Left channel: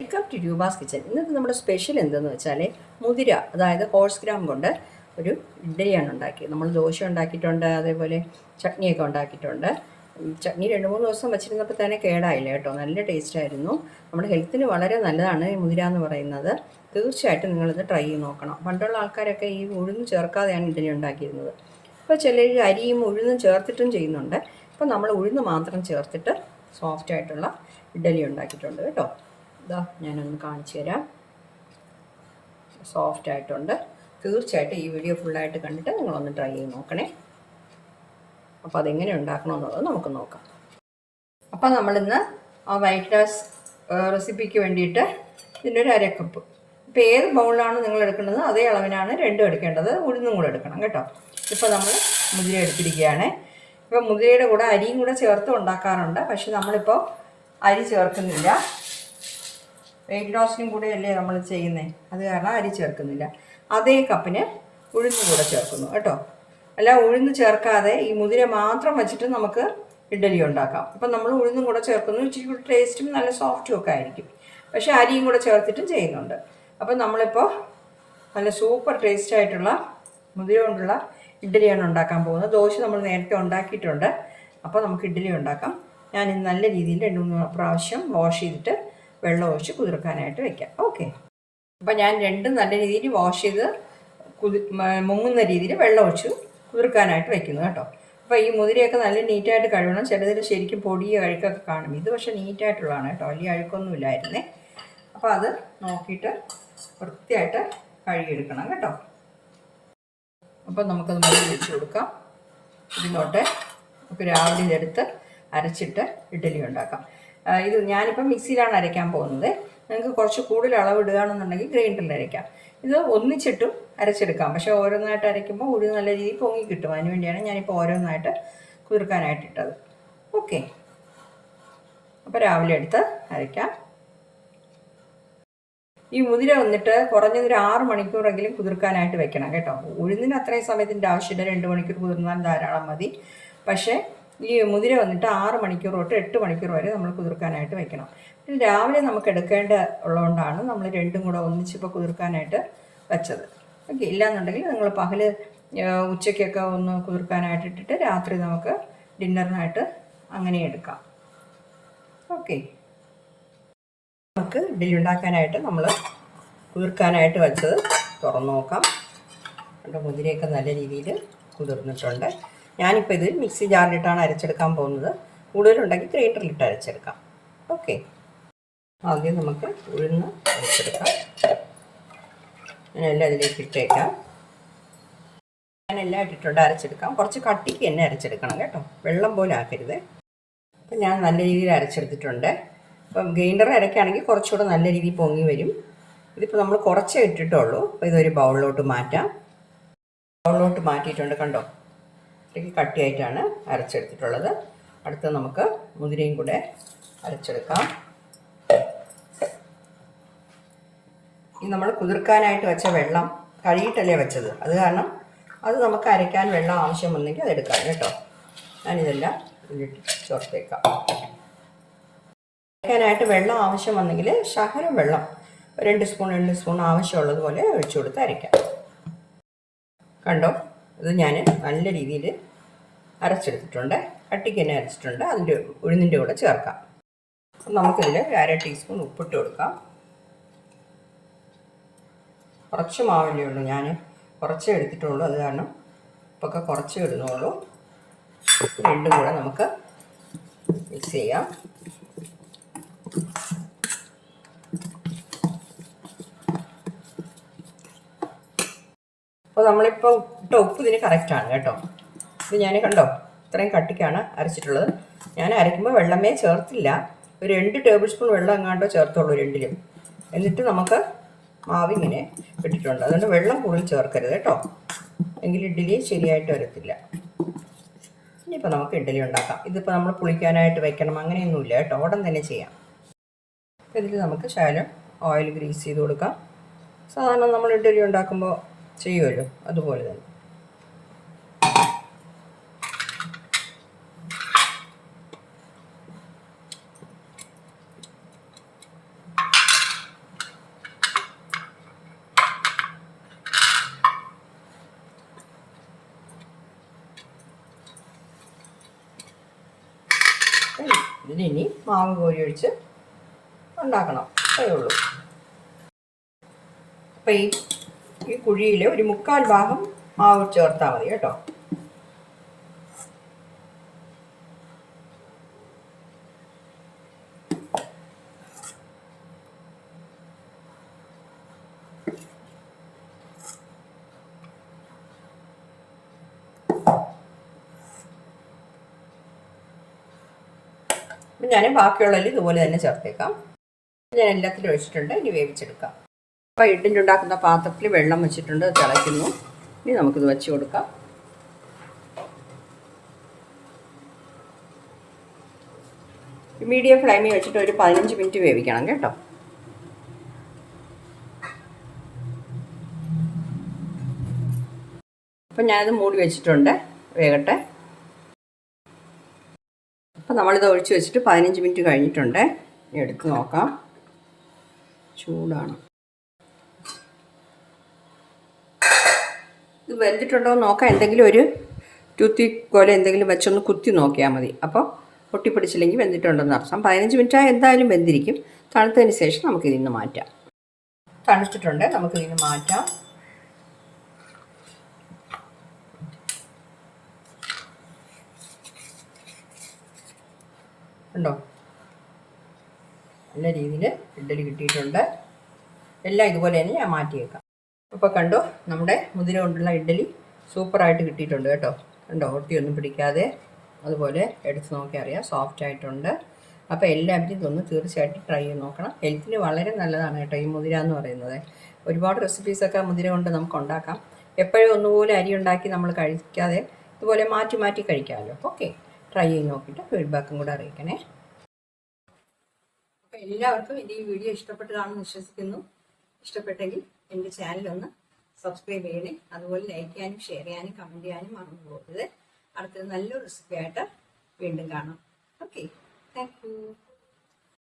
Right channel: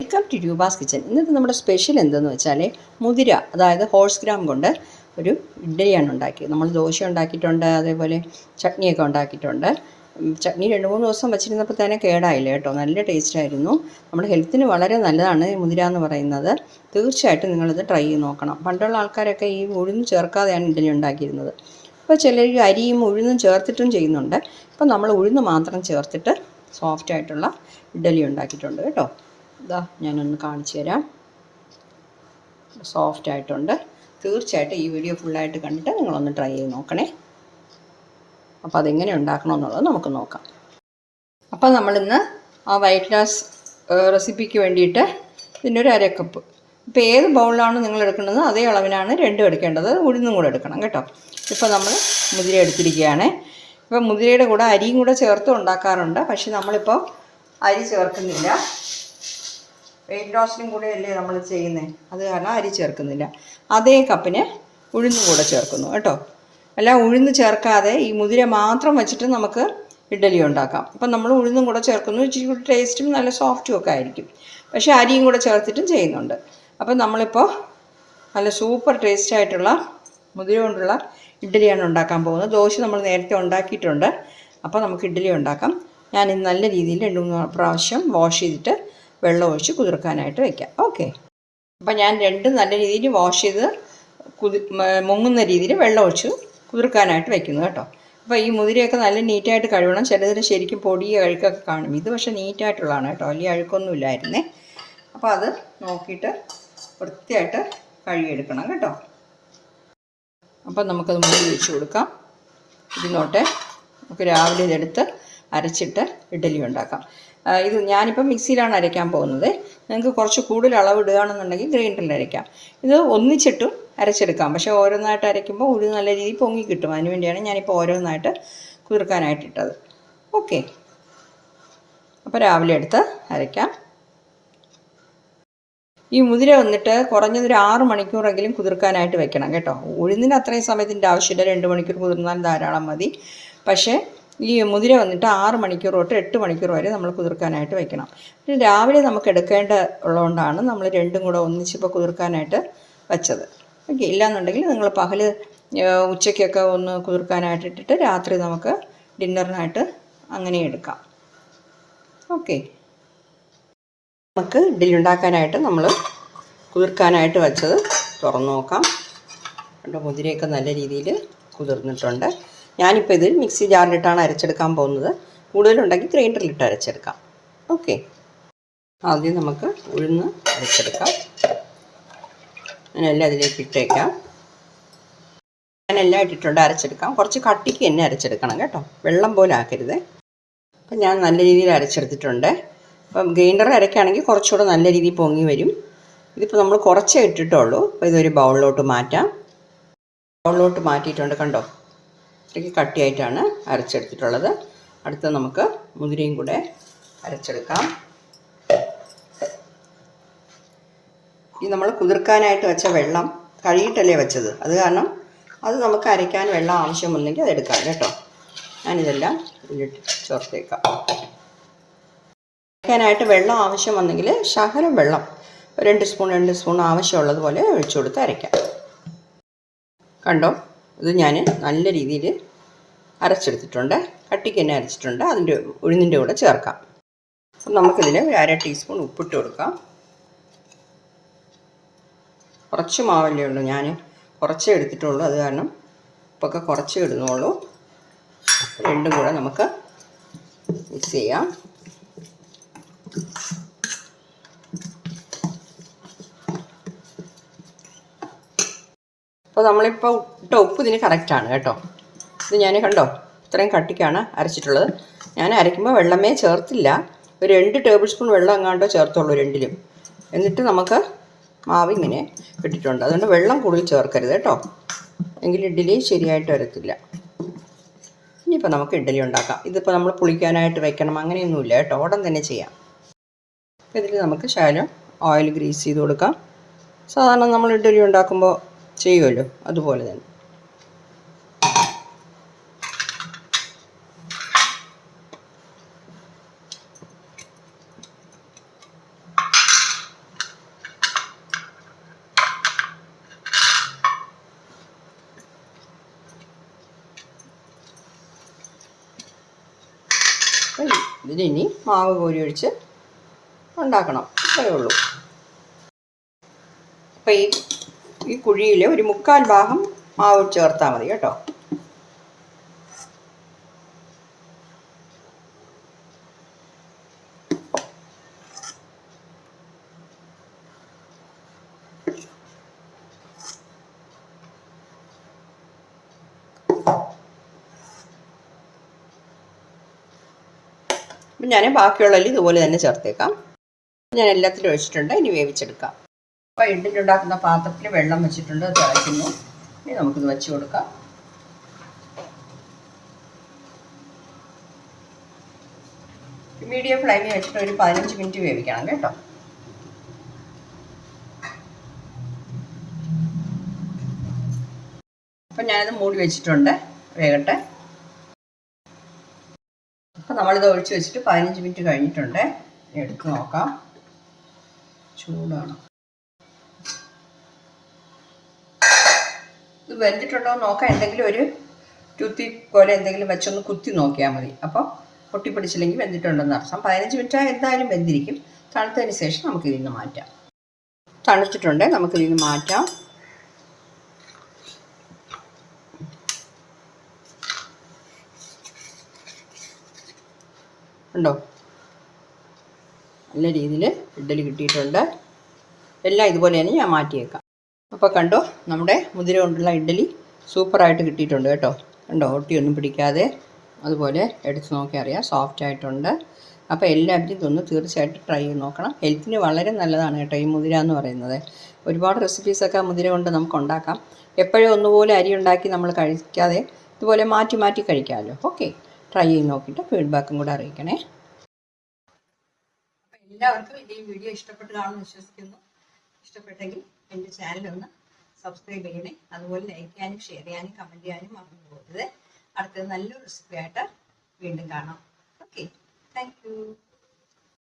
Welcome to Roopa's kitchen ഇന്നത്തെ നമ്മുടെ special എന്തെന്ന് വെച്ചാൽ മുതിര അതായത് ഹോഴ്സ് ഗ്രാം കൊണ്ട് ഒരു ഇഡ്ഡലിയാണ് ഉണ്ടാക്കിയത്. നമ്മൾ ദോശ ഉണ്ടാക്കിയിട്ടുണ്ട് അതേപോലെ ചട്നിയൊക്കെ ഉണ്ടാക്കിയിട്ടുണ്ട്. ചട്നി രണ്ട് മൂന്ന് ദിവസം വെച്ചിരുന്നപ്പോൾ തന്നെ കേടായില്ല കേട്ടോ. നല്ല ടേസ്റ്റ് ആയിരുന്നു. നമ്മുടെ ഹെൽത്തിന് വളരെ നല്ലതാണ് ഈ മുതിര എന്ന് പറയുന്നത്. തീർച്ചയായിട്ടും നിങ്ങളിത് ട്രൈ ചെയ്ത് നോക്കണം. പണ്ടുള്ള ആൾക്കാരൊക്കെ ഈ ഉഴുന്ന് ചേർക്കാതെയാണ് ഇഡ്ഡലി ഉണ്ടാക്കിയിരുന്നത്. ഇപ്പോൾ ചിലർ അരിയും ഉഴുന്നും ചേർത്തിട്ടും ചെയ്യുന്നുണ്ട്. ഇപ്പം നമ്മൾ ഉഴുന്ന് മാത്രം ചേർത്തിട്ട് സോഫ്റ്റ് ആയിട്ടുള്ള ഇഡ്ഡലി ഉണ്ടാക്കിയിട്ടുണ്ട് കേട്ടോ. ഇതാ ഞാനൊന്ന് കാണിച്ചു തരാം. സോഫ്റ്റ് ആയിട്ടുണ്ട്. തീർച്ചയായിട്ടും ഈ വീഡിയോ ഫുള്ളായിട്ട് കണ്ടിട്ട് നിങ്ങളൊന്ന് ട്രൈ ചെയ്ത് നോക്കണേ. അപ്പോൾ അതെങ്ങനെ ഉണ്ടാക്കണമെന്നുള്ളത് നമുക്ക് നോക്കാം. അപ്പോൾ നമ്മളിന്ന് ആ വൈറ്റ് ഗ്ലാസ് റെസിപ്പിക്ക് വേണ്ടിയിട്ട് ഇതിന്റെ ഒരു അരക്കപ്പ് ഇപ്പോൾ ഏത് ബൗളിലാണ് നിങ്ങൾ എടുക്കുന്നത് അതേ അളവിനാണ് രണ്ടും എടുക്കേണ്ടത്. ഉഴുന്നും കൂടെ എടുക്കണം കേട്ടോ. ഇപ്പോൾ നമ്മൾ മുതിര എടുത്തിരിക്കുകയാണ്. ഇപ്പോൾ മുതിരയുടെ കൂടെ അരിയും കൂടെ ചേർത്ത് ഉണ്ടാക്കാറുണ്ട്. പക്ഷേ നമ്മളിപ്പോൾ അരി ചേർക്കുന്നില്ല. വെയിറ്റ് ലോസിനും കൂടെ അല്ലേ നമ്മൾ ചെയ്യുന്നത് അത് കാരണം അരി ചേർക്കുന്നില്ല. അതേ കപ്പിന് ഉഴുന്ന് കൂടെ ചേർക്കുന്നു കേട്ടോ. അല്ല ഉഴുന്ന് ചേർക്കാതെ ഈ മുതിര മാത്രം വെച്ചിട്ട് നമുക്ക് ഇഡ്ഡലി ഉണ്ടാക്കാം. അപ്പം നമ്മൾ ഉഴുന്നും കൂടെ ചേർക്കുന്നു ഇച്ചിരി കൂടി ടേസ്റ്റും നല്ല സോഫ്റ്റും ഒക്കെ ആയിരിക്കും. പക്ഷേ അരിയും കൂടെ ചേർത്തിട്ടും ചെയ്യുന്നുണ്ട്. അപ്പം നമ്മളിപ്പോൾ നല്ല സൂപ്പർ ടേസ്റ്റ് ആയിട്ടുള്ള മുതിര കൊണ്ടുള്ള ഇഡ്ഡലിയാണ് ഉണ്ടാക്കാൻ പോകുന്നത്. ദോശ നമ്മൾ നേരത്തെ ഉണ്ടാക്കിയിട്ടുണ്ട്. അപ്പോൾ നമുക്ക് ഇഡ്ഡലി ഉണ്ടാക്കാം. ഞാൻ ഇന്ന് നല്ല രീതിയിൽ രണ്ട് മൂന്ന് പ്രാവശ്യം വാഷ് ചെയ്തിട്ട് വെള്ളം ഒഴിച്ച് കുതിർക്കാനായിട്ട് വെക്കാം. ഓക്കെ അപ്പോൾ ഞാൻ രണ്ടും നല്ല രീതിയിൽ വാഷ് ചെയ്ത് കുതി മുങ്ങുന്ന രീതിയിൽ വെള്ളം ഒഴിച്ച് കുതിർക്കാനായിട്ട് വെക്കുന്നു കേട്ടോ. അപ്പോൾ ഈ മുതിരയൊക്കെ നല്ല നീറ്റായിട്ട് കഴുകണം. ചിലതിന് ശരിക്കും പൊടിയ അഴുക്കൊക്കെ കാണും. ഇത് പക്ഷേ നീറ്റായിട്ടുള്ളതാണ് കേട്ടോ. വലിയ അഴുക്കൊന്നും ഇല്ലായിരുന്നേ. അപ്പോൾ അത് നോക്കിയിട്ട് വൃത്തിയായിട്ട് കഴുകിയെടുക്കണം കേട്ടോ. അപ്പം നമുക്കത് മുകളിൽ വെച്ച് കൊടുക്കാം. ഇരുന്നോട്ടെ നമുക്ക് രാവിലെ ഇതെടുത്ത് അരച്ചിട്ട് ഇഡ്ഡലി ഉണ്ടാക്കാം. ഇത് ഞാനിപ്പോൾ മിക്സിയിലാണ് അരയ്ക്കാൻ പോകുന്നത്. നിങ്ങൾക്ക് കുറച്ച് കൂടുതൽ അളവ് ഇടുകയാണെന്നുണ്ടെങ്കിൽ ഗ്രൈൻഡറിൽ അരയ്ക്കാം. ഇത് ഒന്നിച്ചിട്ടും അരച്ചെടുക്കാം. പക്ഷേ ഓരോന്നായിട്ട് അരയ്ക്കുമ്പോൾ ഉഴു നല്ല രീതിയിൽ പൊങ്ങി കിട്ടും. അതിന് വേണ്ടിയാണ് ഞാനിപ്പോൾ ഓരോന്നായിട്ട് കുതിർക്കാനായിട്ട് ഇട്ടത്. ഓക്കെ. അപ്പോൾ രാവിലെ എടുത്ത് അരയ്ക്കാം. ഈ മുതിര വന്നിട്ട് കുറഞ്ഞതൊരു ആറ് മണിക്കൂറെങ്കിലും കുതിർക്കാനായിട്ട് വെക്കണം കേട്ടോ. ഉഴുന്നിന് അത്രയും സമയത്തിന്റെ ആവശ്യമില്ല. രണ്ട് മണിക്കൂർ കുതിർന്നാൽ ധാരാളം മതി. പക്ഷേ ഈ മുതിര വന്നിട്ട് ആറ് മണിക്കൂർ തൊട്ട് എട്ട് മണിക്കൂർ വരെ നമ്മൾ കുതിർക്കാനായിട്ട് വെക്കണം. പിന്നെ രാവിലെ നമുക്ക് എടുക്കേണ്ട ഉള്ളതുകൊണ്ടാണ് നമ്മൾ രണ്ടും കൂടെ ഒന്നിച്ചിപ്പോൾ കുതിർക്കാനായിട്ട് വെച്ചത്. ഓക്കെ ഇല്ലാന്നുണ്ടെങ്കിൽ നിങ്ങൾ പകൽ ഉച്ചയ്ക്കൊക്കെ ഒന്ന് കുതിർക്കാനായിട്ട് ഇട്ടിട്ട് രാത്രി നമുക്ക് ഡിന്നറിനായിട്ട് അങ്ങനെ എടുക്കാം. ഓക്കെ. നമുക്ക് ഇഡ്ഡലി ഉണ്ടാക്കാനായിട്ട് നമ്മൾ കുതിർക്കാനായിട്ട് വെച്ചത് തുറന്നു നോക്കാം. രണ്ട് മുതിരയൊക്കെ നല്ല രീതിയിൽ കുതിർന്നിട്ടുണ്ട്. ഞാനിപ്പോൾ ഇത് മിക്സി ജാറിലിട്ടാണ് അരച്ചെടുക്കാൻ പോകുന്നത്. കൂടുതലുണ്ടെങ്കിൽ ഗ്രൈൻഡറിലിട്ട് അരച്ചെടുക്കാം. ഓക്കെ. ആദ്യം നമുക്ക് ഉഴുന്ന് അരച്ചെടുക്കാം. ഞാനെല്ലാം അതിലേക്ക് ഇട്ടേക്കാം. ഞാനെല്ലാം ഇട്ടിട്ടുണ്ട് അരച്ചെടുക്കാം. കുറച്ച് കട്ടിക്ക് തന്നെ അരച്ചെടുക്കണം കേട്ടോ. വെള്ളം പോലെ ആക്കരുത്. അപ്പം ഞാൻ നല്ല രീതിയിൽ അരച്ചെടുത്തിട്ടുണ്ട്. അപ്പം ഗ്രൈൻഡർ അരയ്ക്കുകയാണെങ്കിൽ കുറച്ചുകൂടെ നല്ല രീതിയിൽ പൊങ്ങി വരും. ഇതിപ്പോൾ നമ്മൾ കുറച്ചേ ഇട്ടിട്ടുള്ളൂ. അപ്പോൾ ഇതൊരു ബൗളിലോട്ട് മാറ്റാം. ബൗളിലോട്ട് മാറ്റിയിട്ടുണ്ട് കണ്ടോ? ഇത്രയ്ക്ക് കട്ടിയായിട്ടാണ് അരച്ചെടുത്തിട്ടുള്ളത്. അടുത്ത് നമുക്ക് മുതിരയും കൂടെ അരച്ചെടുക്കാം. ഈ നമ്മൾ കുതിർക്കാനായിട്ട് വെച്ച വെള്ളം കഴുകിയിട്ടല്ലേ വെച്ചത്? അത് കാരണം അത് നമുക്ക് അരയ്ക്കാൻ വെള്ളം ആവശ്യമില്ലെങ്കിൽ അതെടുക്കാം കേട്ടോ. ഞാനിതെല്ലാം ഇതിലിട്ട് ചേർത്തേക്കാം. അരയ്ക്കാനായിട്ട് വെള്ളം ആവശ്യം വന്നെങ്കിൽ ശകലം വെള്ളം രണ്ട് സ്പൂൺ രണ്ട് സ്പൂൺ ആവശ്യമുള്ളതുപോലെ ഒഴിച്ചു കൊടുത്ത് അരയ്ക്കാം. കണ്ടോ? ഇത് ഞാൻ നല്ല രീതിയിൽ അരച്ചെടുത്തിട്ടുണ്ട്. കട്ടിക്ക് തന്നെ അരച്ചിട്ടുണ്ട്. അതിന്റെ ഉഴുന്നിന്റെ കൂടെ ചേർക്കാം. അപ്പം നമുക്കിതിൽ അര ടീസ്പൂൺ ഉപ്പിട്ട് കൊടുക്കാം. കുറച്ച് മാവല്ലേ ഉള്ളൂ. ഞാൻ കുറച്ചേ എടുത്തിട്ടുള്ളൂ. അത് കാരണം ഉപ്പൊക്കെ കുറച്ചേ ഇടുന്നുള്ളൂ. രണ്ടും കൂടെ നമുക്ക് മിക്സ് ചെയ്യാം. അപ്പോൾ നമ്മളിപ്പോൾ ഇട്ട ഉപ്പ് ഇതിന് കറക്റ്റാണ് കേട്ടോ. ഇത് ഞാൻ കണ്ടോ? ഇത്രയും കട്ടിക്കാണ് അരച്ചിട്ടുള്ളത്. ഞാൻ അരയ്ക്കുമ്പോൾ വെള്ളമേ ചേർത്തില്ല. ഒരു രണ്ട് ടേബിൾ സ്പൂൺ വെള്ളം എങ്ങാണ്ടോ ചേർത്തുള്ളൂ രണ്ടിലും. എന്നിട്ട് നമുക്ക് മാവ് ഇങ്ങനെ ഇട്ടിട്ടുണ്ട്. അതുകൊണ്ട് വെള്ളം കൂടുതൽ ചേർക്കരുത് കേട്ടോ. എങ്കിൽ ഇഡ്ഡലി ശരിയായിട്ട് വരത്തില്ല. ഇനിയിപ്പോൾ നമുക്ക് ഇഡ്ഡലി ഉണ്ടാക്കാം. ഇതിപ്പോൾ നമ്മൾ പുളിക്കാനായിട്ട് വെക്കണം. അങ്ങനെയൊന്നുമില്ല കേട്ടോ. ഉടൻ തന്നെ ചെയ്യാം. ഇതിൽ നമുക്ക് ശകലം ഓയിൽ ഗ്രീസ് ചെയ്ത് കൊടുക്കാം. സാധാരണ നമ്മൾ ഇഡ്ഡലി ഉണ്ടാക്കുമ്പോൾ ചെയ്യുമല്ലോ. അതുപോലെ തന്നെ. ഇതിനി മാവ് കോരി ഒഴിച്ച് ഉണ്ടാക്കണം. അത്രയേ ഉള്ളൂ. അപ്പം ഈ ഈ കുഴിയിൽ ഒരു മുക്കാൽ ഭാഗം മാവ് ചേർത്താൽ മതി കേട്ടോ. അപ്പം ഞാൻ ബാക്കിയുള്ളതിൽ ഇതുപോലെ തന്നെ ചേർത്തേക്കാം. ഞാൻ എല്ലാത്തിലും ഒഴിച്ചിട്ടുണ്ട് ഇനി വേവിച്ചെടുക്കാം. അപ്പോൾ ഇഡ്ഡലി ഉണ്ടാക്കുന്ന പാത്രത്തിൽ വെള്ളം വെച്ചിട്ടുണ്ട് തിളയ്ക്കുന്നു. ഇനി നമുക്കിത് വെച്ച് കൊടുക്കാം. മീഡിയം ഫ്ലെയിമിൽ വെച്ചിട്ട് ഒരു പതിനഞ്ച് മിനിറ്റ് വേവിക്കണം കേട്ടോ. അപ്പം ഞാനത് മൂടി വെച്ചിട്ടുണ്ട് വേകട്ടെ. അപ്പം നമ്മളിത് ഒഴിച്ച് വെച്ചിട്ട് പതിനഞ്ച് മിനിറ്റ് കഴിഞ്ഞിട്ടുണ്ട്. എടുത്ത് നോക്കാം. ചൂടാണ്. ഇത് വരുത്തിട്ടുണ്ടോ എന്ന് നോക്കാം. എന്തെങ്കിലും ഒരു ടൂത്തി പോലെ എന്തെങ്കിലും വെച്ചൊന്ന് കുത്തി നോക്കിയാൽ മതി. അപ്പോൾ പൊട്ടിപ്പിടിച്ചില്ലെങ്കിൽ വെന്തിട്ടുണ്ടെന്ന് അർത്ഥം പതിനഞ്ച് മിനിറ്റ് എന്തായാലും വെന്തിരിക്കും. തണുത്തതിന് ശേഷം നമുക്ക് ഇതിൽ നിന്ന് മാറ്റാം. തണുത്തിട്ടുണ്ട്. നമുക്ക് ഇതിൽ നിന്ന് മാറ്റാം. ഉണ്ടോ? നല്ല രീതിയിൽ ഇഡ്ഡലി കിട്ടിയിട്ടുണ്ട്. എല്ലാം ഇതുപോലെ തന്നെ ഞാൻ മാറ്റിയേക്കാം. അപ്പോൾ കണ്ടോ നമ്മുടെ മുതിര കൊണ്ടുള്ള ഇഡ്ഡലി സൂപ്പറായിട്ട് കിട്ടിയിട്ടുണ്ട് കേട്ടോ. കണ്ടോ ഒട്ടിയൊന്നും പിടിക്കാതെ അതുപോലെ എടുത്ത് നോക്കി അറിയാം സോഫ്റ്റ് ആയിട്ടുണ്ട്. അപ്പോൾ എല്ലാവരും ഇതൊന്ന് തീർച്ചയായിട്ടും ട്രൈ ചെയ്ത് നോക്കണം. ഹെൽത്തിന് വളരെ നല്ലതാണ് കേട്ടോ ഈ മുതിര എന്ന് പറയുന്നത്. ഒരുപാട് റെസിപ്പീസൊക്കെ മുതിര കൊണ്ട് നമുക്ക് ഉണ്ടാക്കാം. എപ്പോഴും ഒന്നുപോലെ അരി ഉണ്ടാക്കി നമ്മൾ കഴിക്കാതെ ഇതുപോലെ മാറ്റി മാറ്റി കഴിക്കാമല്ലോ. ഓക്കെ ട്രൈ ചെയ്ത് നോക്കിയിട്ട് ഫീഡ്ബാക്കും കൂടെ അറിയിക്കണേ. അപ്പോൾ എല്ലാവർക്കും എന്റെ ഈ വീഡിയോ ഇഷ്ടപ്പെട്ട് കാണുമെന്ന് വിശ്വസിക്കുന്നു. ഇഷ്ടപ്പെട്ടെങ്കിൽ എന്റെ ചാനൽ ഒന്ന് സബ്സ്ക്രൈബ് ചെയ്യണേ. അതുപോലെ ലൈക്ക് ചെയ്യാനും ഷെയർ ചെയ്യാനും കമന്റ് ചെയ്യാനും മറന്നു പോകരുത്. അടുത്തത് നല്ലൊരു റെസിപ്പി ആയിട്ട് വീണ്ടും കാണാം. Okay thank